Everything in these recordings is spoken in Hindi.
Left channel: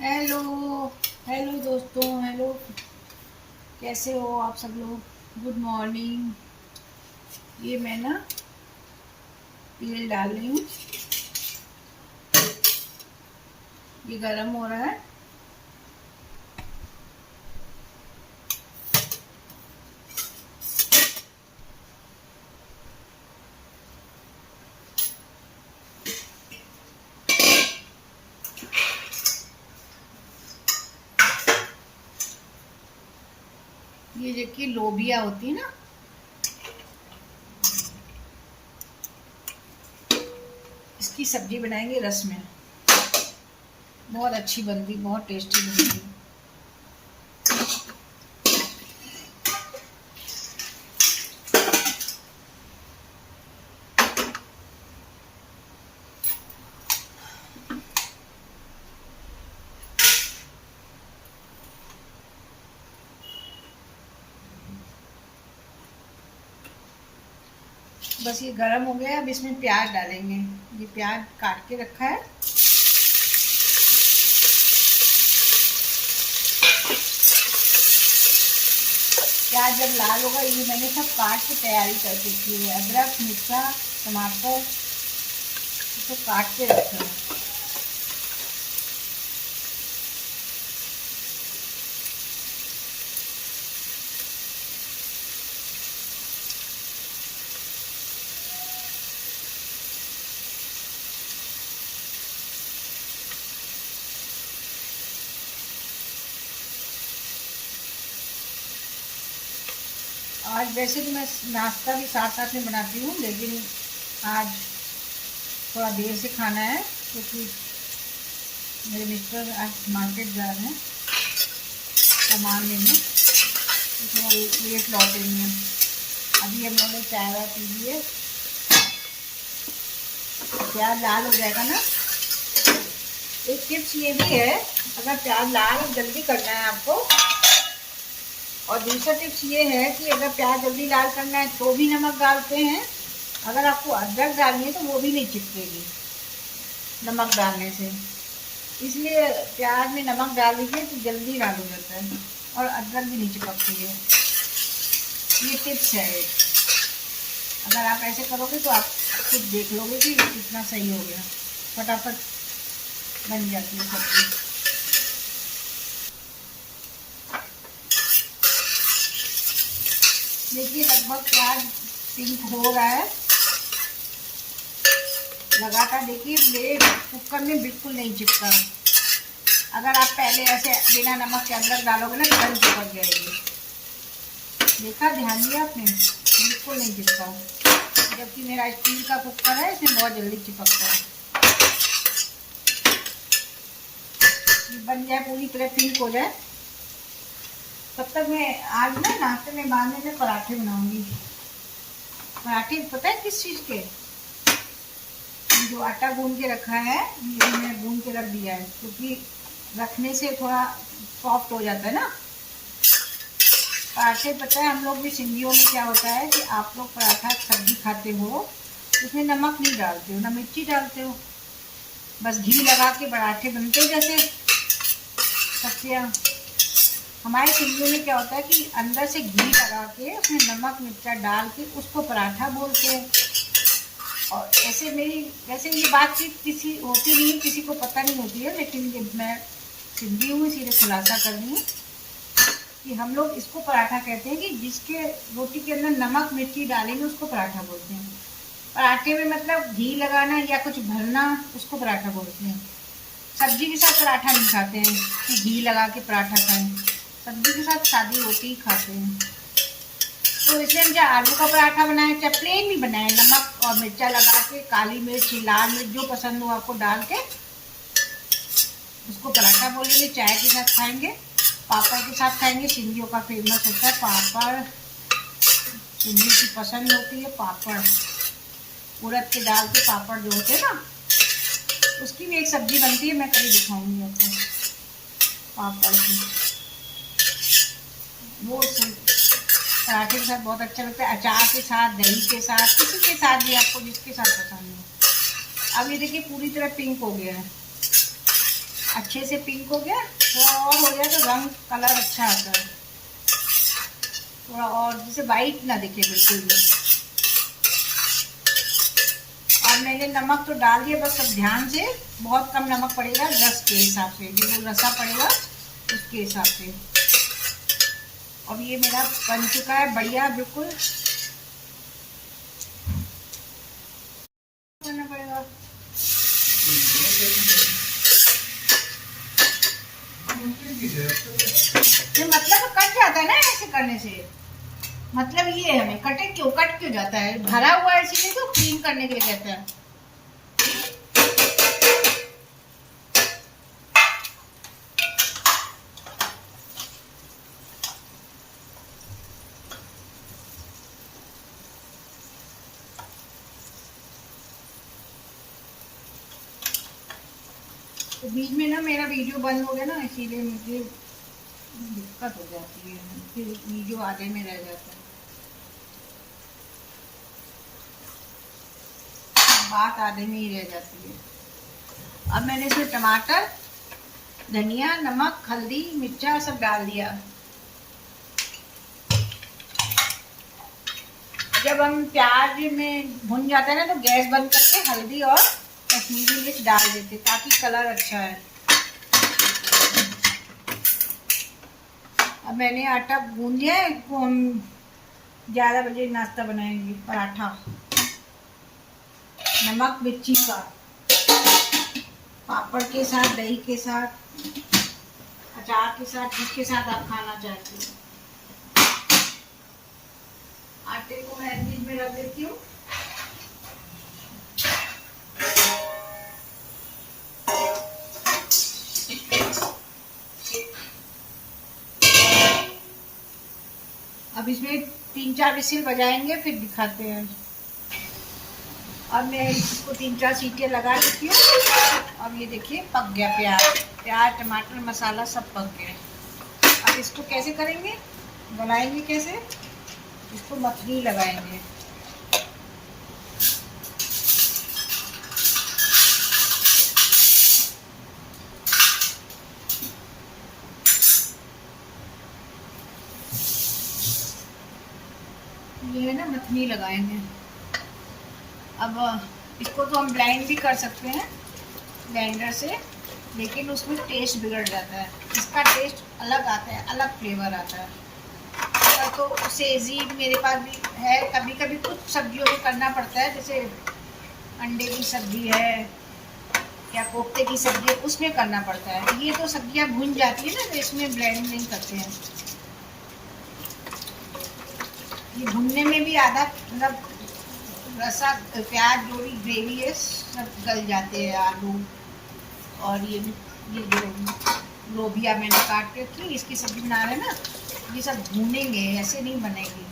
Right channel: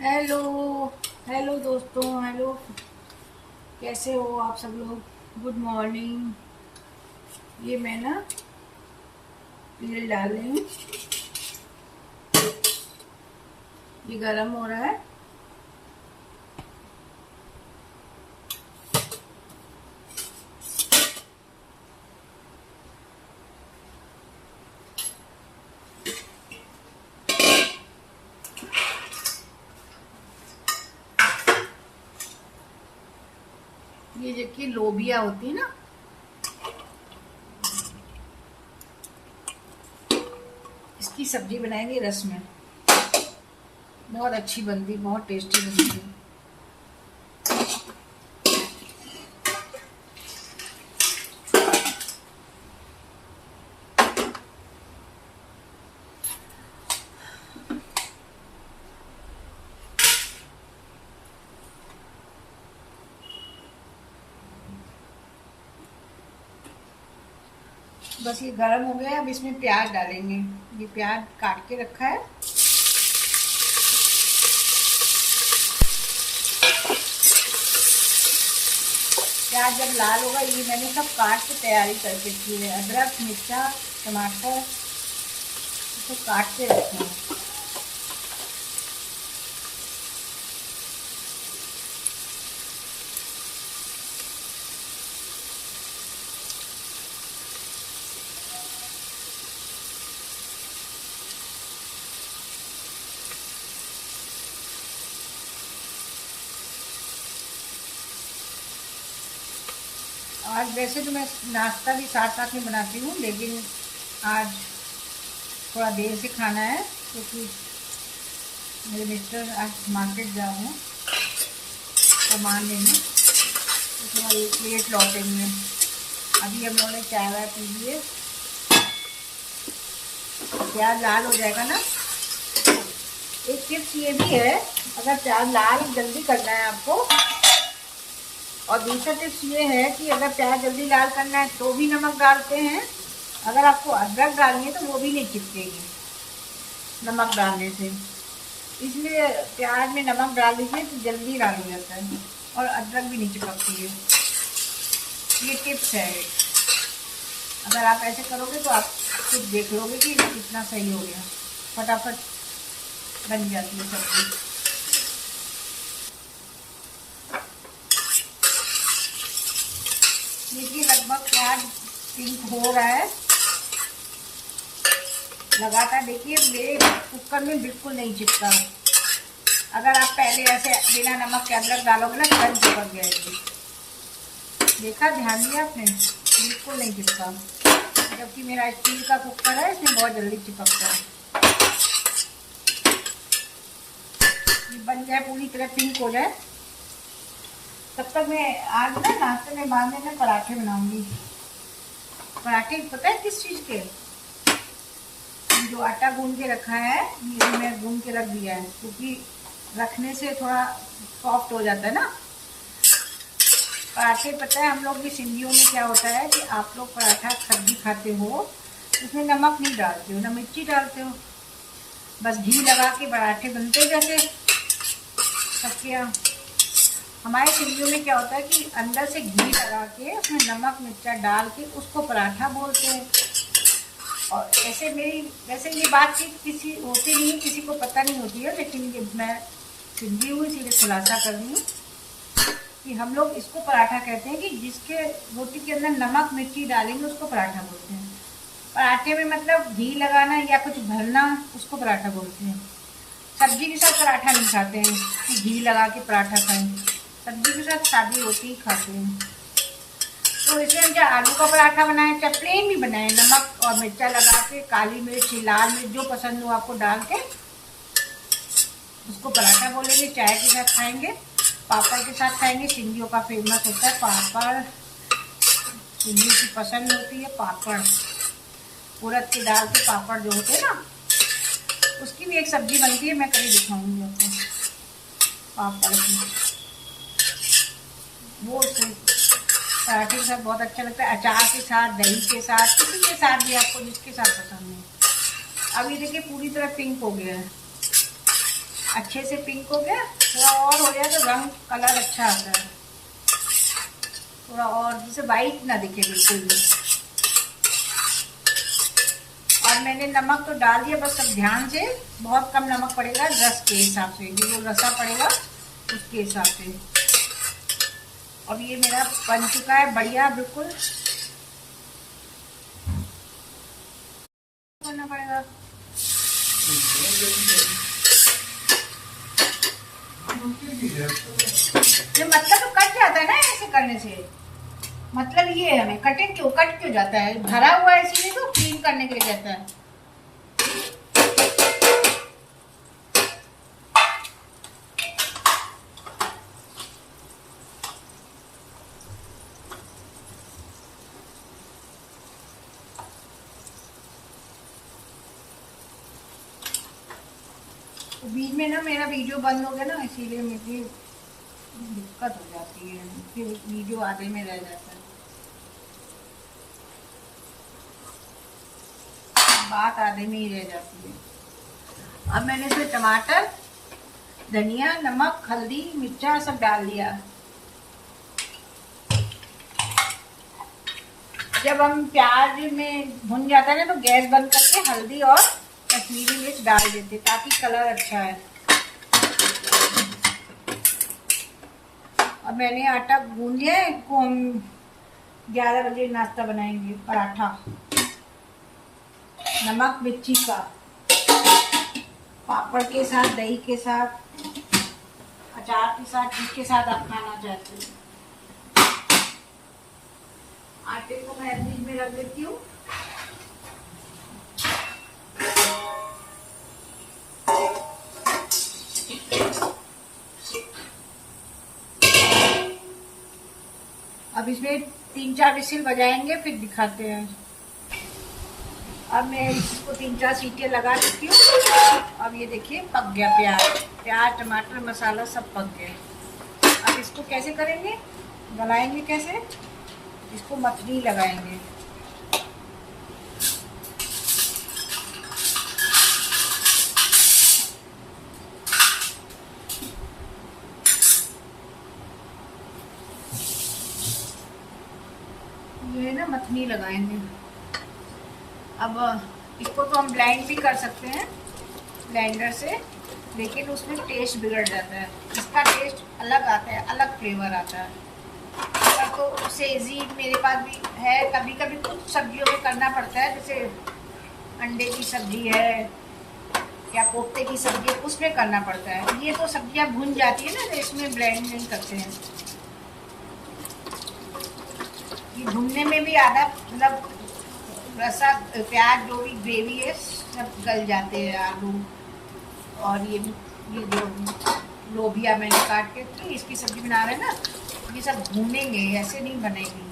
हेलो। हेलो दोस्तों, हेलो। कैसे हो आप सब लोग? Good morning. ये मैं ना तेल डाल रही हूँ। ये गरम हो रहा है। ये देखिए लोबिया होती है ना, इसकी सब्जी बनाएंगे रस में। बहुत अच्छी बनती, बहुत टेस्टी बनती है। बस ये गरम हो गया। अब इसमें प्याज डालेंगे। ये प्याज काट के रखा है। प्याज जब लाल होगा, ये मैंने सब काट के तैयारी करके रखी है। अदरक, मिर्चा, टमाटर इसको काट के रखा है। आज वैसे तो मैं नाश्ता भी साथ साथ में बनाती हूँ, लेकिन आज थोड़ा देर से खाना है क्योंकि मेरे मिस्टर आज मार्केट जा रहे हैं सामान लेने, तो थोड़ा लेट लौटेंगे। अभी हम लोगों ने चाय वाय पी ली है। प्याज लाल हो जाएगा ना। एक टिप्स ये भी है, अगर प्याज लाल जल्दी करना है आपको, और दूसरा टिप्स ये है कि अगर प्याज जल्दी लाल करना है तो भी नमक डालते हैं। अगर आपको अदरक डालनी है तो वो भी नहीं चिपकेगी नमक डालने से। इसलिए प्याज में नमक डाल दीजिए तो जल्दी लाल हो जाता है और अदरक भी नहीं चिपकती है। ये टिप्स है एक। अगर आप ऐसे करोगे तो आप खुद देख लोगे कि कितना सही हो गया। फटाफट बन जाती है सब्जी। देखिए लगभग प्याज पिंक हो रहा है। लगातार देखिए, मेरे कुकर में बिल्कुल नहीं चिपका। अगर आप पहले ऐसे बिना नमक के अदरक डालोगे ना, तुरंत चिपक जाएगी। देखा, ध्यान दिया आपने? बिल्कुल नहीं चिपका। जबकि मेरा स्टील का कुकर है, इसमें बहुत जल्दी चिपकता है। ये बन जाए, पूरी तरह पिंक हो जाए, तब तक मैं आज ना नाश्ते में बाद में मैं पराठे बनाऊंगी। पराठे पता है किस चीज़ के? जो आटा गूंद के रखा है, ये मैं गूंद के रख दिया है क्योंकि रखने से थोड़ा सॉफ्ट हो जाता है ना पराठे। पता है हम लोग भी सिंधियों में क्या होता है कि आप लोग पराठा सब्जी खाते हो, उसमें नमक नहीं डालते हो ना मिर्ची डालते हो, बस घी लगा के पराठे बनते जैसे सबके यहाँ। हमारे सिंधियों में क्या होता है कि अंदर से घी लगा के उसमें नमक मिर्चा डाल के उसको पराठा बोलते हैं। और ऐसे मेरी वैसे ये बातचीत किसी होती नहीं, किसी को पता नहीं होती है, लेकिन ये मैं सिंधी हूँ इसीलिए खुलासा कर रही हूँ कि हम लोग इसको पराठा कहते हैं कि जिसके रोटी के अंदर नमक मिर्ची डालेंगे उसको पराठा बोलते हैं। पराठे में मतलब घी लगाना या कुछ भरना, उसको पराठा बोलते हैं। सब्जी के साथ पराठा नहीं खाते हैं कि घी लगा के पराठा खाएं। सब्जी के साथ सादी रोटी ही खाते हैं। तो इसलिए हम चाहे आलू का पराठा बनाए चाहे प्लेन भी बनाए, नमक और मिर्चा लगा के, काली मिर्च लाल मिर्च जो पसंद हो आपको डाल के उसको पराठा बोलेंगे। चाय के साथ खाएंगे, पापड़ के साथ खाएंगे। सिंधियों का फेमस होता है पापड़, सिंधी की पसंद होती है पापड़। उड़द की दाल के पापड़ जो होते हैं ना, उसकी भी एक सब्जी बनती है, मैं कभी दिखाऊंगी आपको पापड़ की। वो पराठे के साथ बहुत अच्छा लगता है, अचार के साथ, दही के साथ, किसी के साथ भी, आपको जिसके साथ पसंद है। अब ये देखिए पूरी तरह पिंक हो गया है। अच्छे से पिंक हो गया, थोड़ा और हो जाए तो रंग कलर अच्छा आता है, थोड़ा और जैसे वाइट ना दिखे बिल्कुल भी। और मैंने नमक तो डाल दिया, बस अब ध्यान से, बहुत कम नमक पड़ेगा रस के हिसाब से, जो रसा पड़ेगा उसके हिसाब से। अब ये मेरा बन चुका है बढ़िया बिल्कुल। करना पड़ेगा ये, मतलब तो कट जाता है ना ऐसे करने से, मतलब ये है हमें कट क्यों जाता है, भरा हुआ है इसीलिए तो क्लीन करने के लिए कहता है। तो बीच में ना मेरा वीडियो बंद हो गया ना, इसीलिए मुझे दिक्कत हो जाती है, फिर वीडियो आधे में रह जाता है, बात आधे में ही रह जाती है। अब मैंने इसमें टमाटर, धनिया, नमक, हल्दी, मिर्चा सब डाल दिया। जब हम प्याज में भुन जाता है ना तो गैस बंद करके हल्दी और कश्मीरी मिर्च डाल देते ताकि कलर अच्छा है। अब मैंने आटा गूंद लिया है, इसको हम 11 बजे नाश्ता बनाएंगे, पराठा नमक मिर्ची का, पापड़ के साथ, दही के साथ, अचार के साथ, जिसके साथ आप खाना चाहते हो। आटे को मैं बीच में रख देती हूँ। अब इसमें 3-4 विसिल बजाएंगे, फिर दिखाते हैं। अब मैं इसको 3-4 सीटियाँ लगा देती हूँ। अब ये देखिए पक गया, प्याज टमाटर मसाला सब पक गया। अब इसको कैसे करेंगे, गलाएंगे कैसे, इसको मथनी लगाएंगे। ये ना मथनी लगाएंगे। अब इसको तो हम ब्लेंड भी कर सकते हैं ब्लेंडर से, लेकिन उसमें टेस्ट बिगड़ जाता है, इसका टेस्ट अलग आता है, अलग फ्लेवर आता है। तो सेजी मेरे पास भी है, कभी कभी कुछ सब्जियों में करना पड़ता है, जैसे अंडे की सब्जी है या कोफ्ते की सब्जी है, उसमें करना पड़ता है। ये तो सब्जियां भुन जाती है ना, तो इसमें ब्लेंड नहीं करते हैं। ये भुनने में भी आधा मतलब रसा प्याज जो भी ग्रेवी है सब गल जाते हैं, आलू और ये जो लोबिया मैंने काट के रखी, इसकी सब्जी बना रहे हैं ना, ये सब भूनेंगे, ऐसे नहीं बनेगी,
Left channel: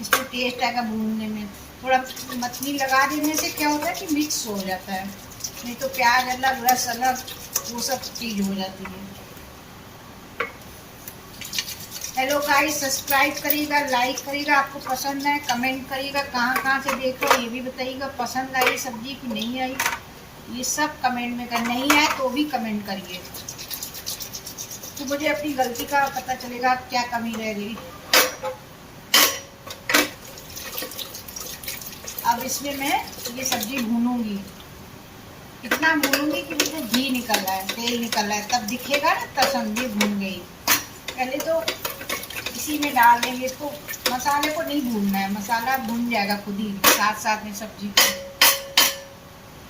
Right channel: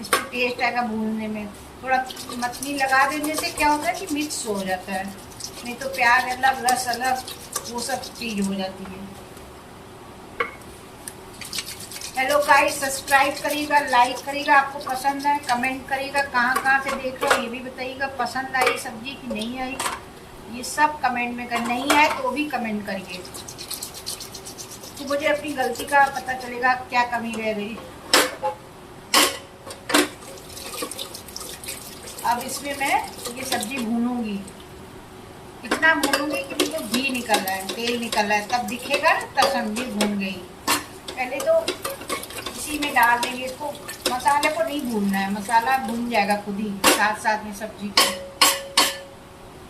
इसमें टेस्ट आएगा भूनने में। थोड़ा मछली लगा देने से क्या होता है कि मिक्स हो जाता है, नहीं तो प्याज अलग रस अलग वो सब चीज़ हो जाती है। हेलो गाइस, सब्सक्राइब करिएगा, लाइक करिएगा, आपको पसंद है कमेंट करिएगा, कहाँ से देख रहे हो ये भी बताइएगा, पसंद आई सब्जी कि नहीं आई, ये सब कमेंट में कर, नहीं आए तो भी कमेंट करिए, तो मुझे अपनी गलती का पता चलेगा क्या कमी रह गई। अब इसमें मैं ये सब्जी भूनूंगी, इतना भूनूंगी कि बिल्कुल घी निकल रहा है, तेल निकल रहा है, तब दिखेगा ना तब सब्जी भून गई। पहले तो इसी में डाल देंगे इसको, मसाले को नहीं भूनना है, मसाला भून जाएगा खुद ही साथ साथ में सब्जी को।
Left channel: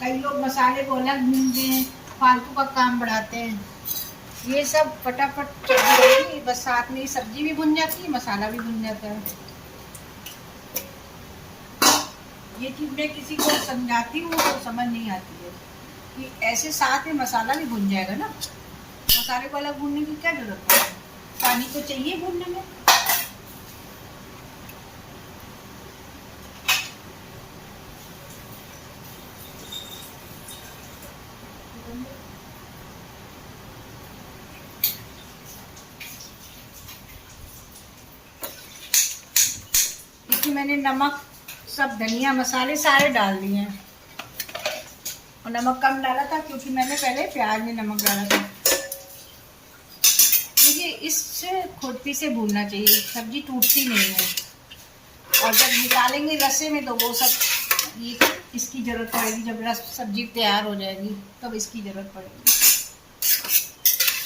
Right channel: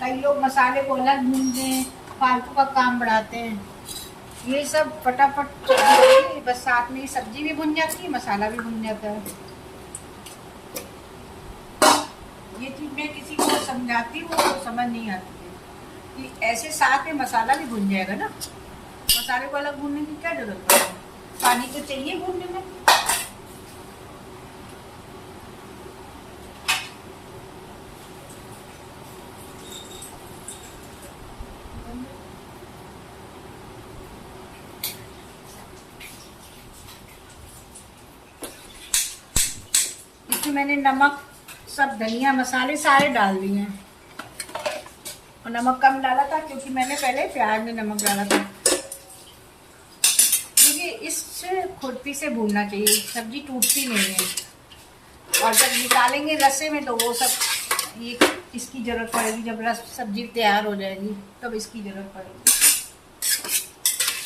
कई लोग मसाले को अलग भूनते हैं, फालतू का काम बढ़ाते हैं, ये सब फटाफट सब्जी, बस साथ में ही सब्जी भी भुन जाती है, मसाला भी भुन जाता है। ये चीज़ मैं किसी को समझाती हूँ तो समझ नहीं आती है कि ऐसे साथ में मसाला भी भुन जाएगा ना, मसाले को अलग भूनने की क्या जरूरत है, पानी तो चाहिए भूनने में। इसमें मैंने नमक सब धनिया मसाले सारे डाल दिए हैं, और नमक कम डाला था क्योंकि मैंने पहले प्याज में नमक डाला था। इस खुरपी से भूनना चाहिए, सब्जी टूटती नहीं है। और जब निकालेंगे रस्से में तो वो सब ये इसकी ज़रूरत पड़ेगी, जब रस सब्जी तैयार हो जाएगी तब इसकी ज़रूरत पड़ेगी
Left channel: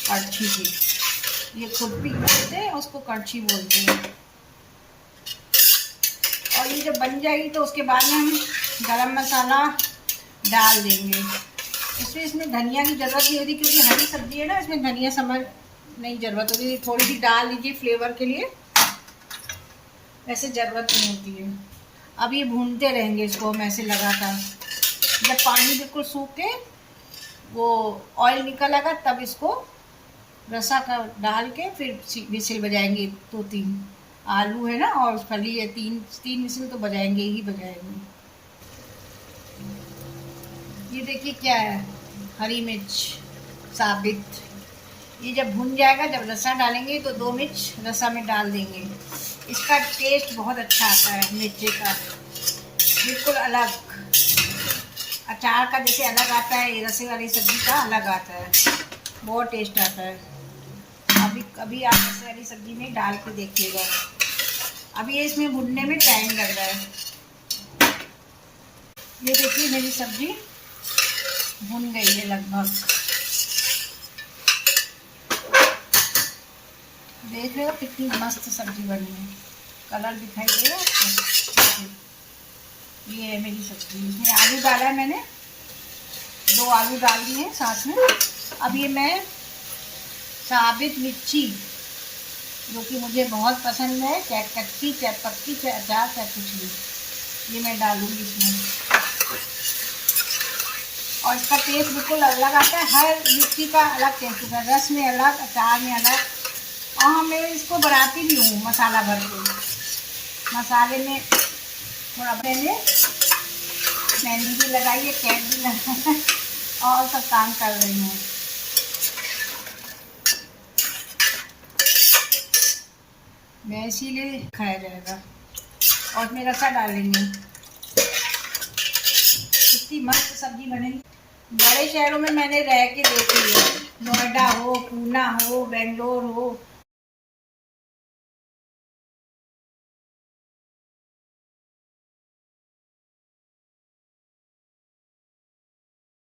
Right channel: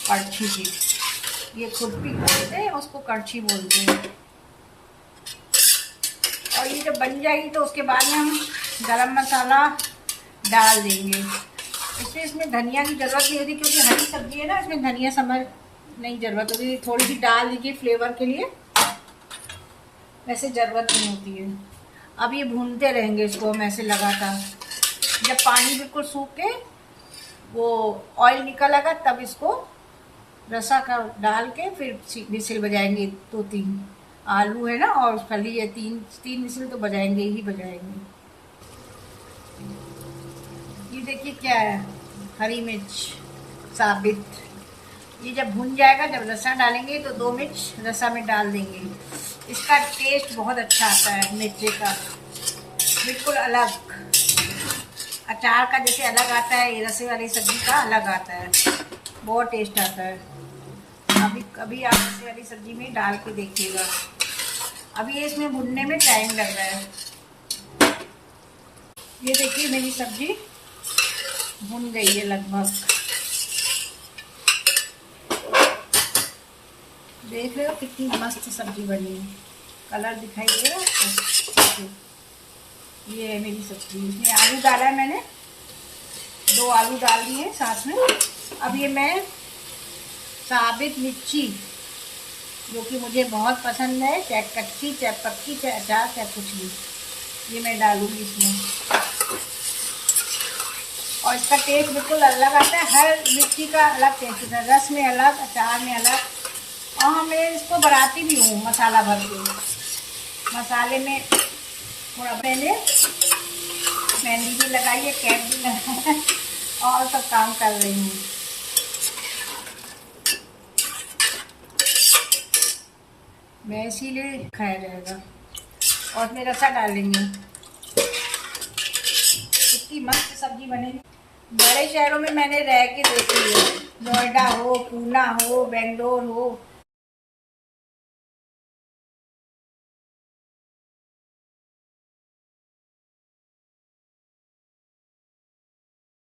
कड़छी की। ये खुरपी बोलते हैं उसको, कड़छी बोलते हैं। और ये जब बन जाएगी तो उसके बाद में हम गरम मसाला डाल देंगे। इसमें धनिया की ज़रूरत नहीं होती क्योंकि हरी सब्जी है ना, इसमें धनिया समझ नहीं ज़रूरत होती, थोड़ी सी डाल दीजिए फ्लेवर के लिए, वैसे ज़रूरत नहीं होती है। अब ये भूनते रहेंगे इसको हम ऐसे लगातार। जब पानी बिल्कुल सूख के वो ऑयल निकल आएगा तब इसको रसा का डाल के फिर विसिल बजाएंगे। 2-3 आलू है ना और फली है, 3 विसिल तो बजाएंगे ही बजाएंगे। ये देखिए क्या है, हरी मिर्च साबित। ये जब भुन जाएगा, जब रसा डालेंगे तो 2 मिर्च रसा में डाल देंगे। इसका टेस्ट बहुत अच्छा आता है मिर्ची का, बिल्कुल अलग। अचार का जैसे अलग आता है, ये रसे वाली सब्जी का अलग आता है, बहुत टेस्ट आता है। अभी आप रसे वाली सब्जी में डाल के देखिएगा। अभी ये इसमें भुनने में टाइम लग रहा है। ये देखिए मेरी सब्जी भुन गई है लगभग, देख रहे हो कितनी मस्त सब्जी बनी है, कलर दिखाई दे रहा है। ये है मेरी सब्जी, इसमें आलू डाला है मैंने, 2 आलू डाल दिए हैं साथ में। अब ये मैं साबित मिर्ची, जो कि मुझे बहुत पसंद है, चाहे कच्ची चाहे पक्की चाहे अचार चाहे कुछ भी, ये मैं डालूंगी इसमें। और इसका टेस्ट बिल्कुल अलग आता है, हर मिर्ची का अलग टेस्ट होता है, रस में अलग, अचार में अलग। और मैं इसको बनाती भी हूँ मसाला भर के, मसाले में थोड़ा मैंने मेहंदी भी लगाई है, कैप भी लगाई है और सब काम कर रही हूँ। मैं इसीलिए खाया जाएगा। और इसमें रसा डालेंगे, कितनी मस्त सब्जी बनेगी। बड़े शहरों में मैंने रह के देखी है, नोएडा हो, पूना हो, बेंगलोर हो,